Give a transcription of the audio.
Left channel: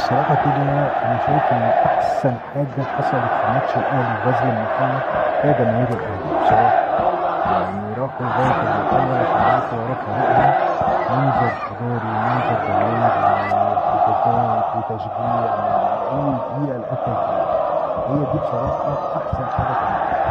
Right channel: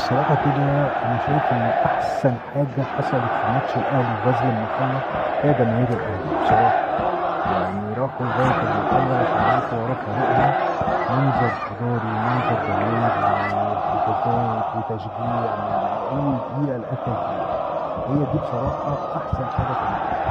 بصراحة كده أنا شايف إن أحسن حاجة حصلت في ماتش الأهلي وغزل المحلة هي جماهير الأهلي بصراحة. يعني راحوا لغاية المحلة عشان يقفوا ورا فريقهم. منظر حضاري ومنظر جماهير وهتافات وتشجيع من أول دقيقة لآخر دقيقة. هي دي بصراحة أحسن حاجة في الماتش.